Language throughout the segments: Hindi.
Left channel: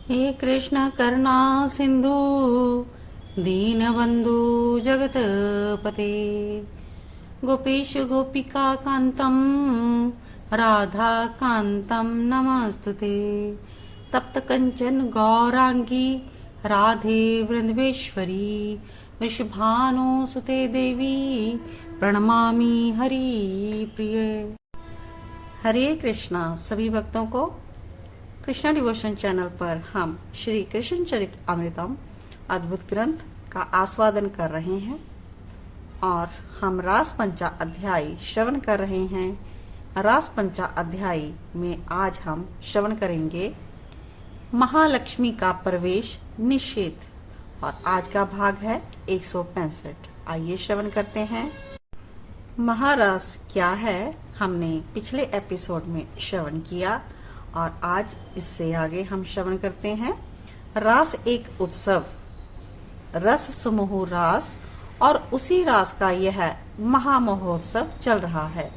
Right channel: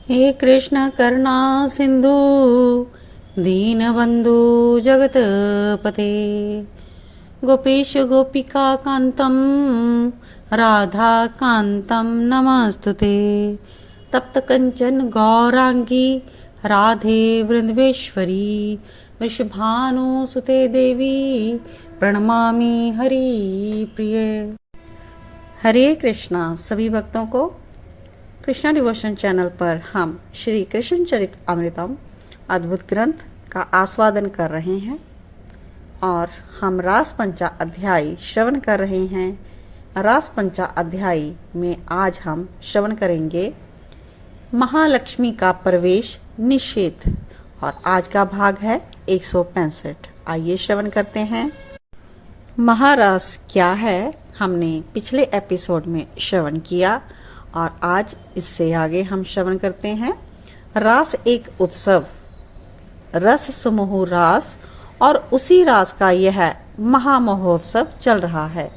हे कृष्ण करुणा सिंधु दीनबंधु जगतपते गोपेश गोपिका कांतम राधा कांतम नमस्तुते तप्त कंचन गौरांगी राधे वृंदवेश्वरी वृषभानुसुते देवी प्रणमामि हरि प्रिय। हरे कृष्णा। सभी भक्तों को कृष्णा डिवोशन चैनल पर हम श्री कृष्ण चरित अमृतम अद्भुत ग्रंथ का आस्वादन कर रहे हैं और हम रास पंचा अध्याय श्रवण कर रहे हैं। रास पंचा अध्याय में आज हम श्रवण करेंगे महालक्ष्मी का प्रवेश निषेध और आज का भाग है 165। आइए श्रवण करते हैं। महारास क्या है हमने पिछले एपिसोड में श्रवण किया और आज इससे आगे हम श्रवण करते हैं। रास एक उत्सव, रस समूह रास, और उसी रास का यह महामहोत्सव चल रहा है।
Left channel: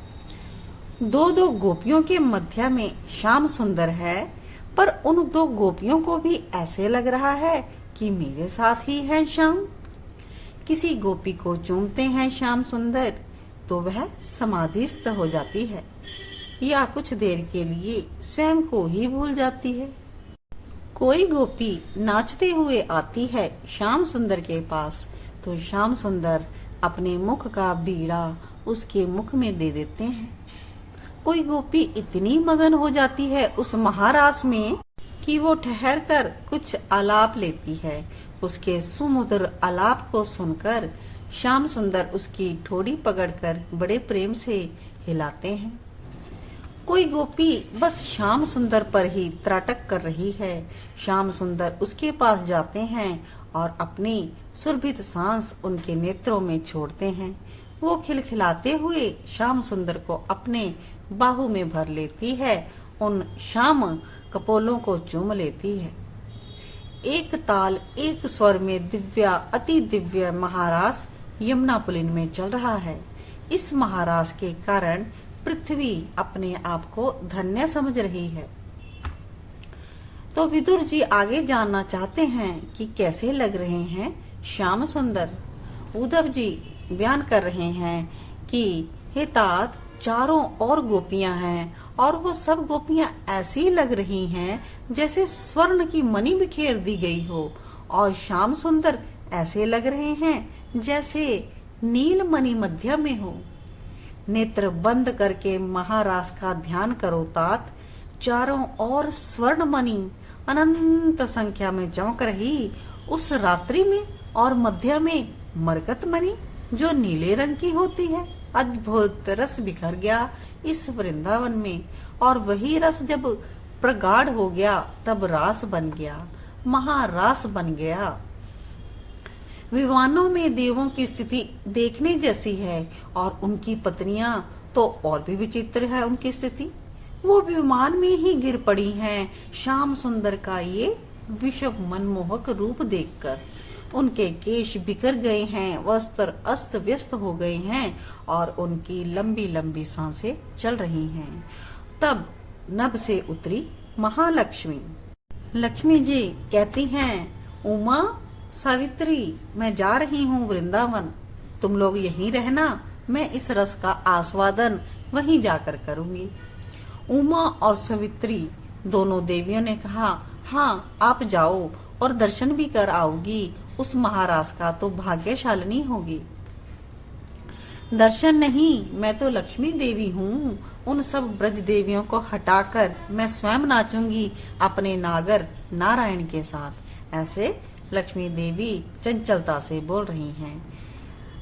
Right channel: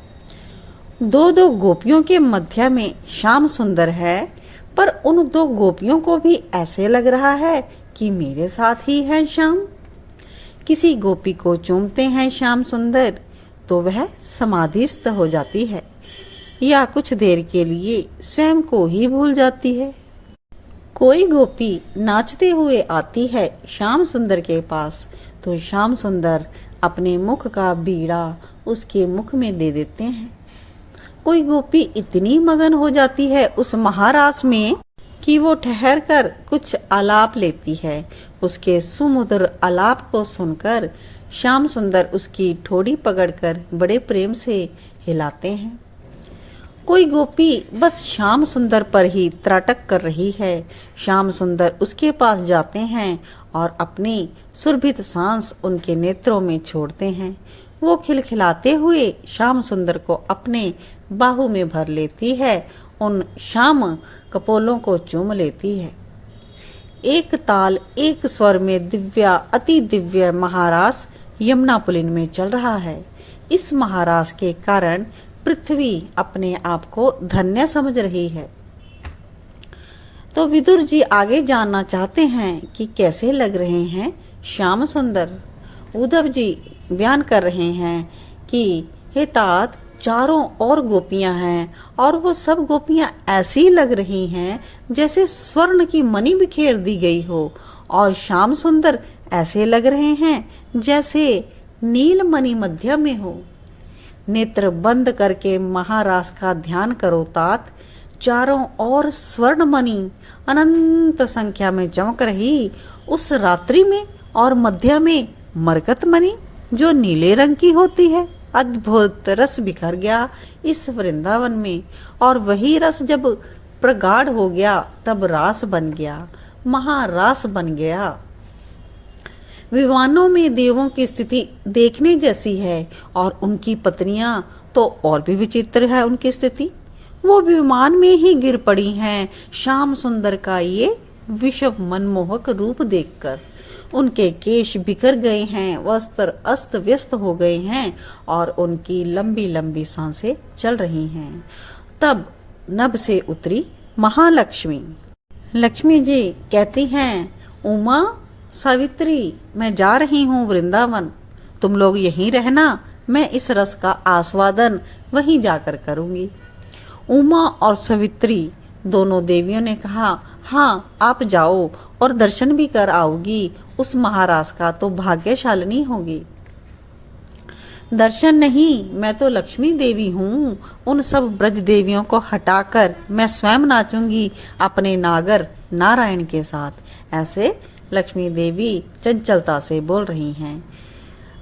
दो गोपियों के मध्य में श्याम सुंदर है, पर उन दो गोपियों को भी ऐसे लग रहा है कि मेरे साथ ही है श्याम। किसी गोपी को चूमते हैं श्याम सुंदर तो वह समाधिस्थ हो जाती है या कुछ देर के लिए स्वयं को ही भूल जाती है। कोई गोपी नाचते हुए आती है श्याम सुंदर के पास तो श्याम सुंदर अपने मुख का बीड़ा उसके मुख में दे देते हैं। कोई गोपी इतनी मगन हो जाती है उस महारास में कि वो ठहर कर कुछ आलाप लेती है। उसके सुमधुर आलाप को सुनकर श्याम सुंदर उसकी ठोड़ी पकड़कर बड़े प्रेम से हिलाते हैं। कोई गोपी बस श्याम सुंदर पर ही त्राटक कर रही है। श्याम सुंदर उसके पास जाते हैं और अपनी सुरभित सांस उनके नेत्रों में छोड़ते हैं। वो खिलखिलाते हुए श्याम सुंदर को अपने बाहु में भर लेती है, उन श्याम कपोलों को चूम लेती है। एक ताल एक स्वर में दिव्या अति दिव्य महारास यमुना पुलिन में चल रहा है। इस महारास के कारण पृथ्वी अपने आप को धन्य समझ रही है। तो विदुर जी आगे जानना चाहते हैं कि कैसे लग रहे हैं श्याम सुंदर। उद्धव जी बयान कर रहे हैं कि हे तात, चारों और गोपियां हैं और वो सब गोपियां ऐसी लग रही हैं जैसे स्वर्ण की मणि बिखेर दी गई हो, और श्याम सुंदर ऐसे लग रहे हैं जैसे नील मणि मध्य में हो। नेत्र बंद करके महारास का ध्यान करो तात। चारों ओर स्वर्ण मणि अनंत संख्या में चमक रही उस रात्रि में, और मध्य में मरकत मणि जो नीले रंग की होती है। अद्भुत रस बिखर गया इस वृंदावन में, और वही रस जब प्रगाढ़ हो गया तब रास बन गया, महारास बन गया। विमानों में देवों की स्थिति देखने जैसी है और उनकी पत्नियां तो और भी विचित्र है उनकी स्थिति। वो विमान में ही गिर पड़ी हैं श्याम सुंदर का ये विश्व मनमोहक रूप देखकर। उनके केश बिखर गए हैं, वस्त्र अस्त व्यस्त हो गए हैं और उनकी लंबी लंबी सांसें चल रही हैं। तब नभ से उतरी महालक्ष्मी। लक्ष्मी जी कहती हैं, उमा सावित्री, मैं जा रही हूँ वृंदावन, तुम लोग यहीं रहना, मैं इस रस का आस्वादन वहीं जाकर करूंगी। उमा और सावित्री दोनों देवियों ने कहा, हाँ आप जाओ और दर्शन भी कर आओगी, उस महारास का तो भाग्यशालिनी होगी। दर्शन नहीं, मैं तो लक्ष्मी देवी हूँ, उन सब ब्रज देवियों को हटाकर मैं स्वयं नाचूंगी अपने नागर नारायण के साथ। ऐसे लक्ष्मी देवी चंचलता से बोल रही हैं।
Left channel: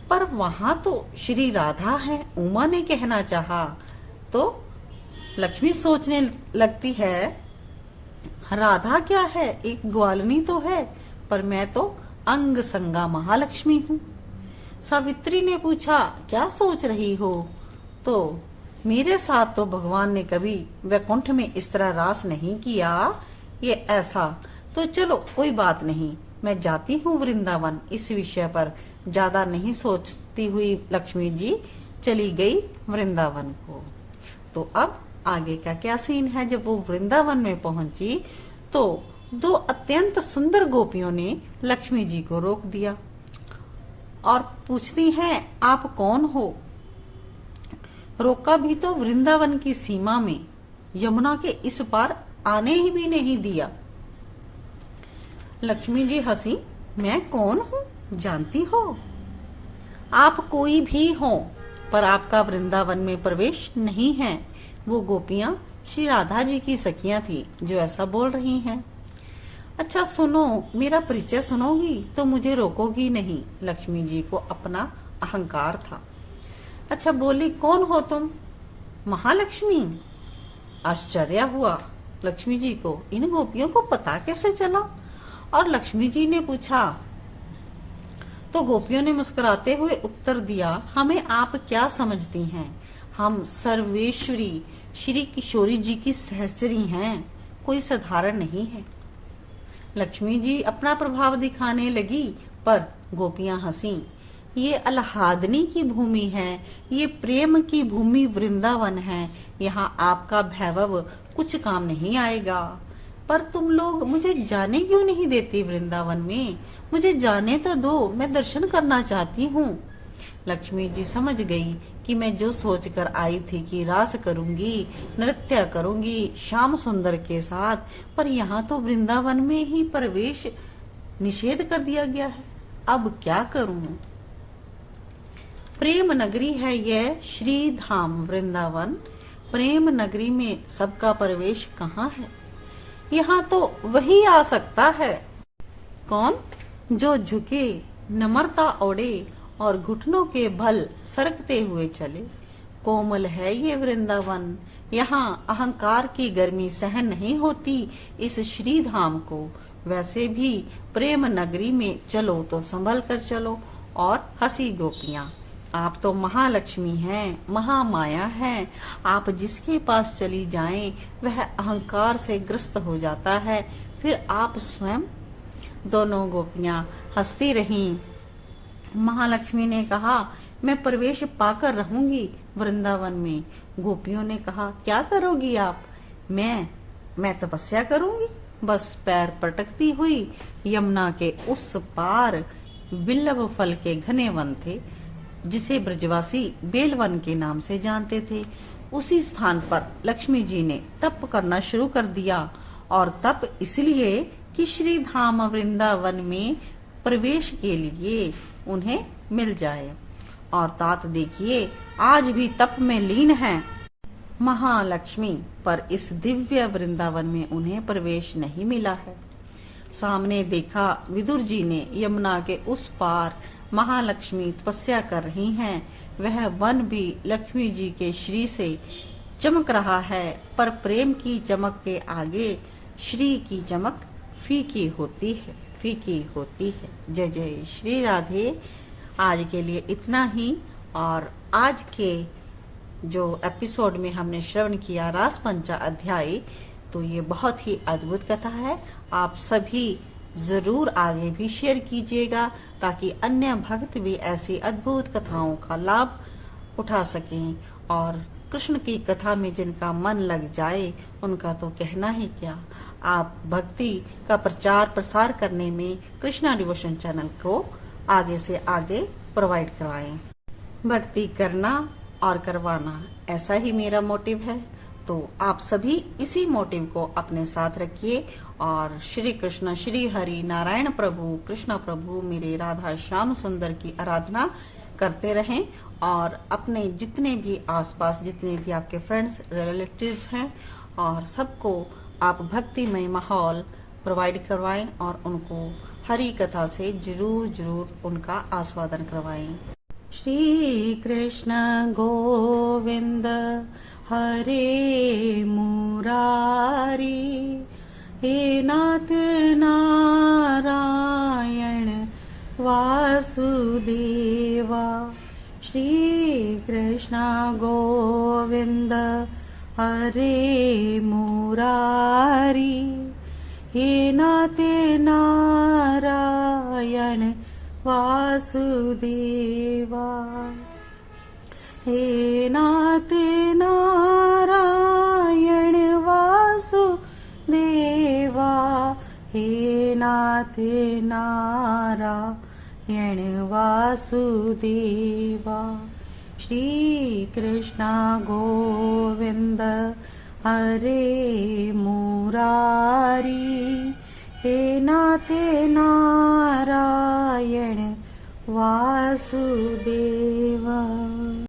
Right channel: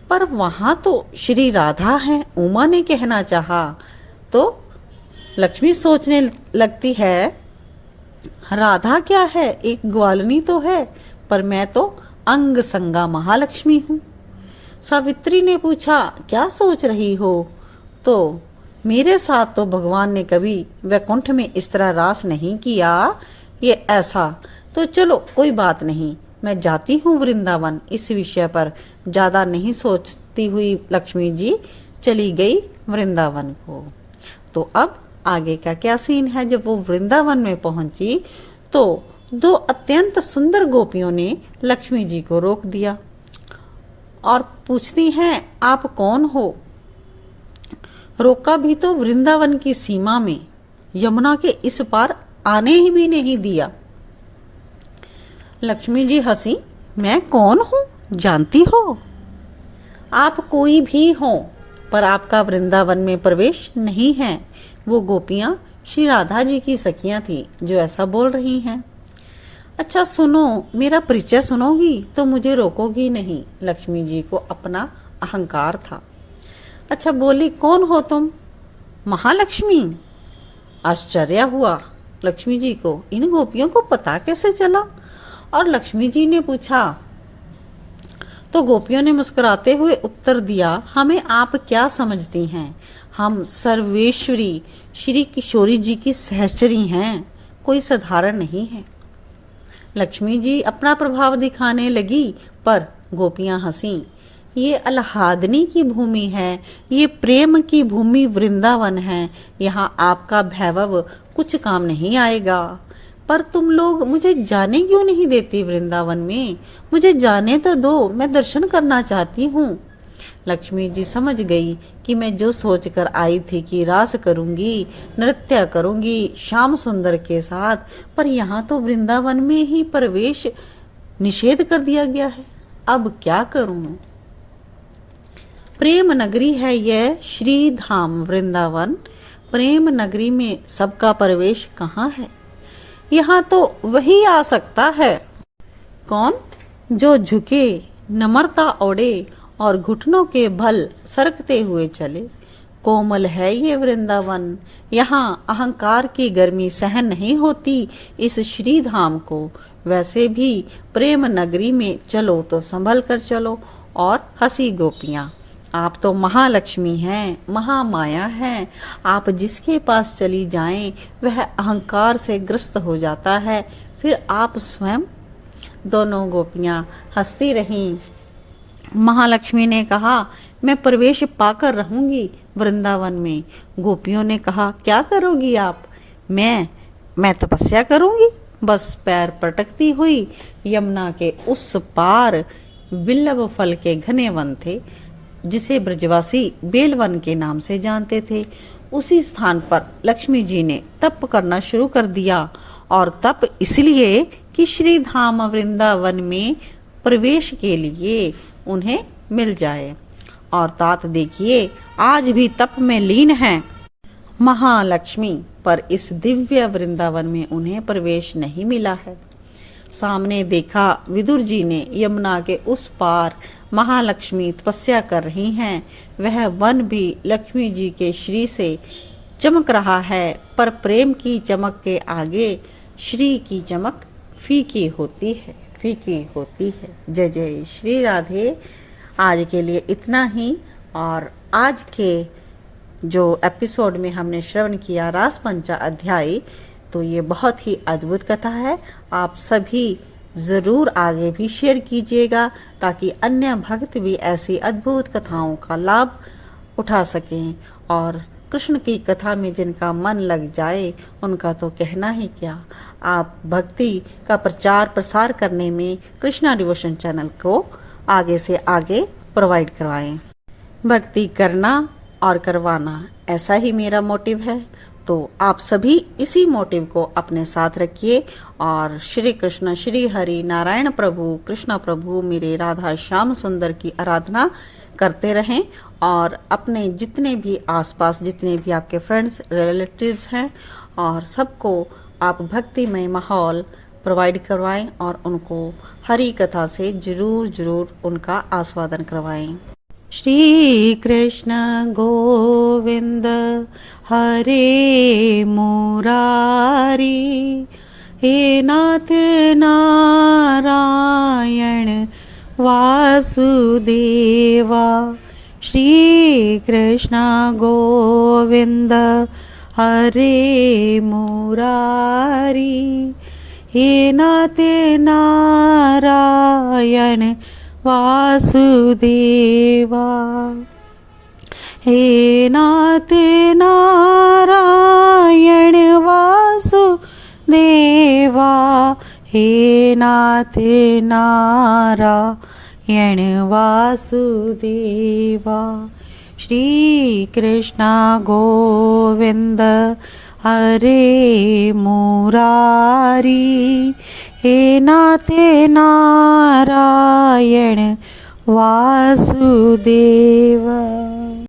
पर वहां तो श्री राधा है, उमा ने कहना चाहा तो लक्ष्मी सोचने लगती है, राधा क्या है, एक ग्वालनी तो है, पर मैं तो अंग संगा महालक्ष्मी हूँ। सावित्री ने पूछा, क्या सोच रही हो? तो मेरे साथ तो भगवान ने कभी वैकुंठ में इस तरह रास नहीं किया, ये ऐसा तो चलो कोई बात नहीं, मैं जाती हूँ वृंदावन। इस विषय पर ज्यादा नहीं सोचती हुई लक्ष्मी जी चली गई वृंदावन को। तो अब आगे का क्या सीन है। जब वो वृंदावन में पहुंची तो दो अत्यंत सुंदर गोपियों ने लक्ष्मी जी को रोक दिया और पूछती हैं, आप कौन हो? रोका भी तो वृंदावन की सीमा में, यमुना के इस पार आने ही भी नहीं दिया। लक्ष्मी जी हंसी, मैं कौन हूँ जानती हो? आप कोई भी हो, पर आपका वृंदावन में प्रवेश नहीं है। वो गोपियां श्री राधा जी की सखियां थी जो ऐसा बोल रही हैं। अच्छा सुनो, मेरा परिचय सुनोगी तो मुझे रोकोगी नहीं। लक्ष्मी जी को अपना अहंकार था। अच्छा बोली, कौन हो तुम? महालक्ष्मी। आश्चर्य हुआ लक्ष्मी जी को, इन गोपियों को पता कैसे चला? और लक्ष्मी जी ने पूछा तो गोपियों ने मुस्कुराते हुए उत्तर दिया, हमें आप क्या समझती हैं? हम सर्वेश्वरी श्री किशोरी जी की सहचरी हैं, कोई साधारण नहीं है। लक्ष्मी जी अपना प्रभाव दिखाने लगी, पर गोपियां हंसी। ये आह्लादनी की भूमि है, ये प्रेम की भूमि वृंदावन है, यहाँ आपका वैभव कुछ काम नहीं आएगा। पर तुम लोग मुझे जाने क्यों नहीं देती वृंदावन में? मुझे जाने तो दो, मैं दर्शन करना चाहती हूँ। लक्ष्मी जी समझ गई कि मैं जो सोचकर आई थी कि रास करूंगी, नृत्य करूंगी श्याम सुंदर के साथ, पर यहाँ तो वृंदावन में ही प्रवेश निषेध कर दिया गया है। अब क्या करूं? प्रेम नगरी है यह श्री धाम वृंदावन। प्रेम नगरी में सबका प्रवेश कहाँ है? यहाँ तो वही आ सकता है। कौन? जो झुके, नम्रता ओढ़े और घुटनों के बल सरकते हुए चले। कोमल है ये वृंदावन, यहाँ अहंकार की गर्मी सहन नहीं होती इस श्री धाम को। वैसे भी प्रेम नगरी में चलो तो संभल कर चलो। और हंसी गोपियां, आप तो महालक्ष्मी हैं, महामाया हैं। आप जिसके पास चली जाएं वह अहंकार से ग्रस्त हो जाता है, फिर आप स्वयं। दोनों गोपियां हंसती रहीं। महालक्ष्मी ने कहा, मैं प्रवेश पाकर रहूंगी वृंदावन में। गोपियों ने कहा, क्या करोगी आप? मैं तपस्या करूंगी। बस पैर पटकती हुई यमुना के उस पार विल्लभ फल के घने वन थे, जिसे ब्रजवासी बेलवन के नाम से जानते थे। उसी स्थान पर लक्ष्मी जी ने तप करना शुरू कर दिया, और तप इसलिए कि श्री धाम वृंदावन में प्रवेश के लिए उन्हें मिल जाए। और तात देखिए, आज भी तप में लीन है महालक्ष्मी, पर इस दिव्य वृंदावन में उन्हें प्रवेश नहीं मिला है। सामने देखा, विदुर जी ने यमुना के उस पार महालक्ष्मी तपस्या कर रही हैं। वह वन भी लक्ष्मी जी के श्री से चमक रहा है, पर प्रेम की चमक के आगे श्री की चमक फीकी होती है, फीकी होती है। जय जय श्री राधे। आज के लिए इतना ही। और आज के जो एपिसोड में हमने श्रवण किया रास पंचा अध्याय, तो ये बहुत ही अद्भुत कथा है। आप सभी जरूर आगे भी शेयर कीजिएगा, ताकि अन्य भक्त भी ऐसी अद्भुत कथाओं का लाभ उठा सकें। और कृष्ण की कथा में जिनका मन लग जाए उनका तो कहना ही क्या। आप भक्ति का प्रचार प्रसार करने में कृष्णा डिवोशन चैनल को आगे से आगे प्रोवाइड करवाएं। भक्ति करना और करवाना, ऐसा ही मेरा मोटिव है। तो आप सभी इसी मोटिव को अपने साथ रखिए और श्री कृष्ण, श्री हरि नारायण प्रभु, कृष्ण प्रभु, मेरे राधा श्याम सुंदर की आराधना करते रहें। और अपने जितने भी आसपास जितने भी आपके फ्रेंड्स रिलेटिव्स हैं, और सबको आप भक्तिमय माहौल प्रोवाइड करवाएं और उनको हरि कथा से जरूर जरूर उनका आस्वादन करवाएं। श्री कृष्ण गोविंद हरे मुरारी, हे नाथ नारायण वासुदेवा। श्री कृष्ण गोविंद हरे मुरारी, हे नाथ नारायण वासुदेवा। हे नाथ नारायण वासुदेवा, हे नाथे नारायण वासुदेवा। श्री कृष्ण गोविंद हरे मुरारी, हे नाथे नारायण वासुदेवा।